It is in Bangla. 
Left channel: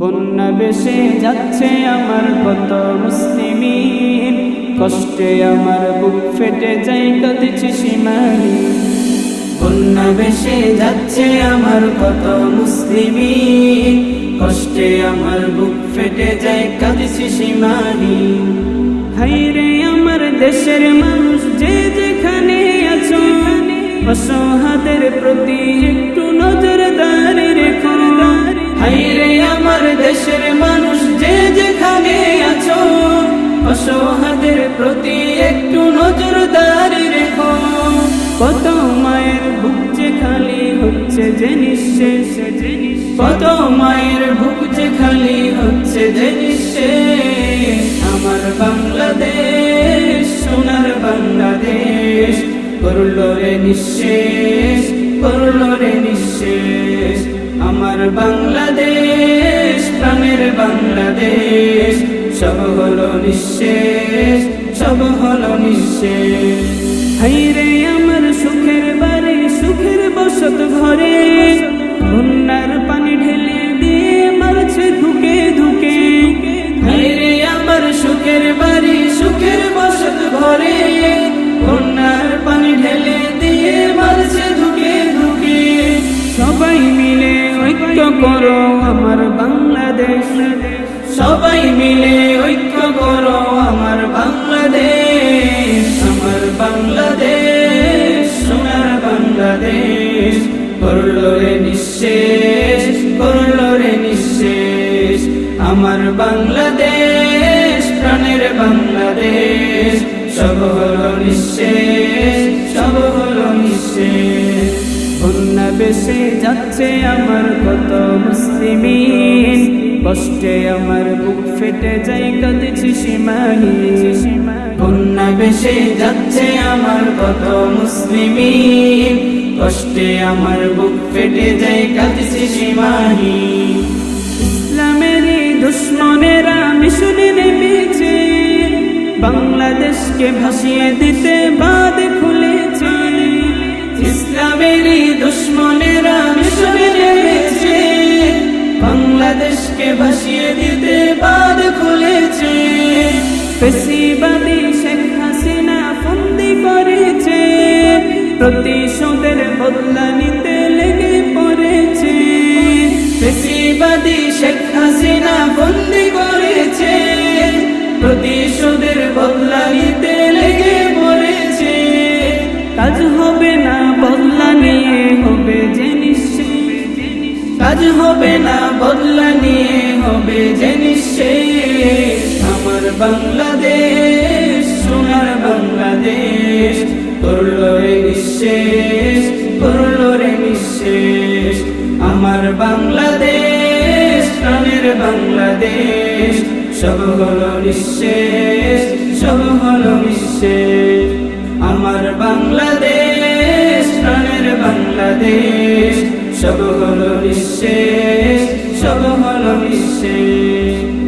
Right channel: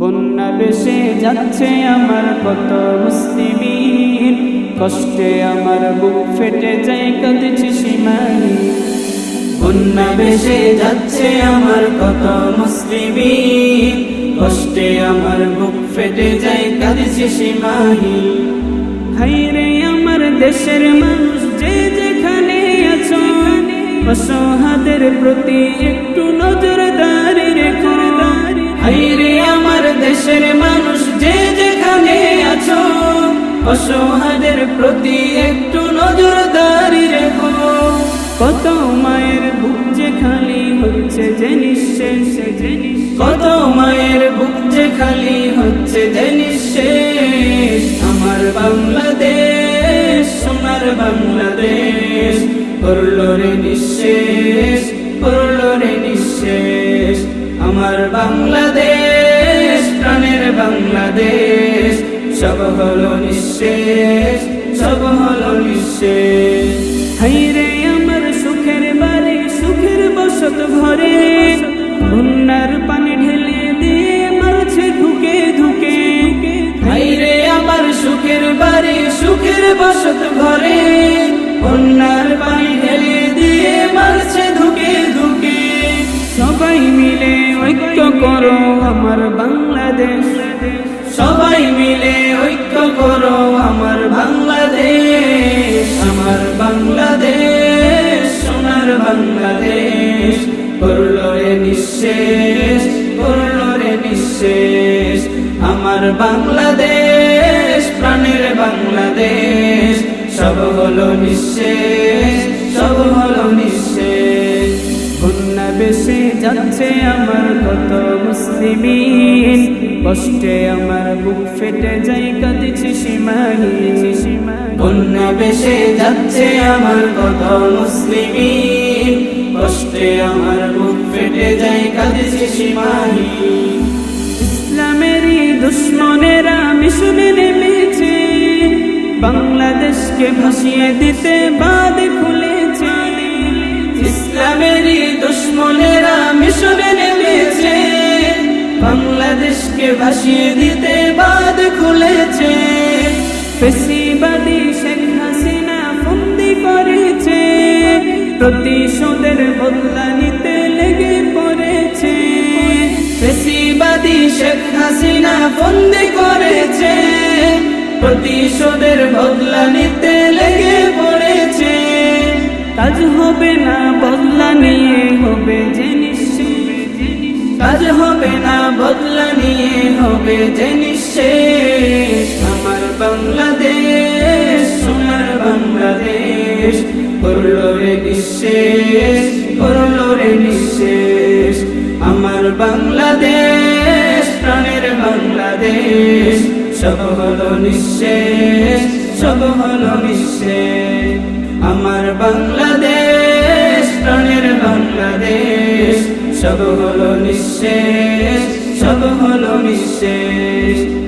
বন্যা বেশে যাচ্ছে আমার কত মুসলিমিন। কষ্টে আমার বুক ফেটে যায়, কাঁদছি সীমাহীন। বন্যা বেশে যাচ্ছে আমার কত মুসলিমিন। কষ্টে আমার বুক ফেটে যায়, কাঁদছি সীমাহীন। হাইরে আমার দেশের মানুষ, যে যেখানে আছো অসহাদের প্রতি একটু নজর রেখো দেশের মানুষ যে যেখানে আছো অসহাদের প্রতি একটু নজরদারি রেখো। কত মায়ের বুক যে খালি হচ্ছে যে নিঃশেষ, যে কত মায়ের বুক যে খালি হচ্ছে যে নিঃশেষ। আমার বাংলাদেশ, সোনার বাংলাদেশ, করল রে নিঃশেষ, করল রে নিঃশেষ। আমার বাংলাদেশ সব হলো নিঃশেষ সব হলো নিঃশেষ হাইরে আমার সুখের বাড়ি সুখের বসত ঘরে। বন্যার পানি ঢেলে দিয়ে মারছে ধুকে ধুকে। হাইরে আমার সুখের বাড়ি সুখের বসত ঘরে। বন্যার পানি ঢেলে দিয়ে মারছে ধুকে ধুকে। সবাই মিলে ঐক্য করো আমার বাংলাদেশ। সবাই মিলে ঐক্য করো আমার বাংলাদেশ আমার বাংলাদেশ, সোনার বাংলাদেশ। করল রে নিঃশেষ করল রে নিঃশেষ। আমার বাংলাদেশ, প্রাণের বাংলাদেশ। সব হলো নিঃশেষ। বেশে যাচ্ছে আমার কত মুসলিমিন। কষ্টে আমার বুক ফেটে যাই কাঁদছি সীমাহীন। বন্যা বেশে যাচ্ছে আমার কত মুসলিমিন। কষ্টে আমার বুক ফেটে যাই কাঁদছি সীমাহীন। ইসলামেরই দুশ্মনেরা মিশনে নেমেছে। বাংলাদেশকে ভাসিয়ে দিতে বাদ খুলেছে। ইসলামেরই দুশ্মনেরা ভাসিয়ে দিতে বাদ খুলেছে। ফেসিবাদী শেখ হাসিনা ফন্দি করেছে। প্রতিশোধের বদলা নিতে লেগে পড়েছে। ফেসিবাদী শেখ হাসিনা বন্দি করেছে। প্রতিশোধের বদলা নিতে লেগে পড়েছে। কাজ হবে না, বদলা নিয়ে হবে যে কাজ হবে না, বদলা নিয়ে হবে যে নিঃশেষ। আমার বাংলাদেশ, সোনার বাংলাদেশ করল রে নিঃশেষ করল রে নিঃশেষ। আমার বাংলাদেশ, প্রাণের বাংলাদেশ, সব হলো নিঃশেষ, সব হলো নিঃশেষ। আমার বাংলাদেশ, প্রাণের বাংলাদেশ, সব হলো নিঃশেষ। সব হলো নিঃশেষ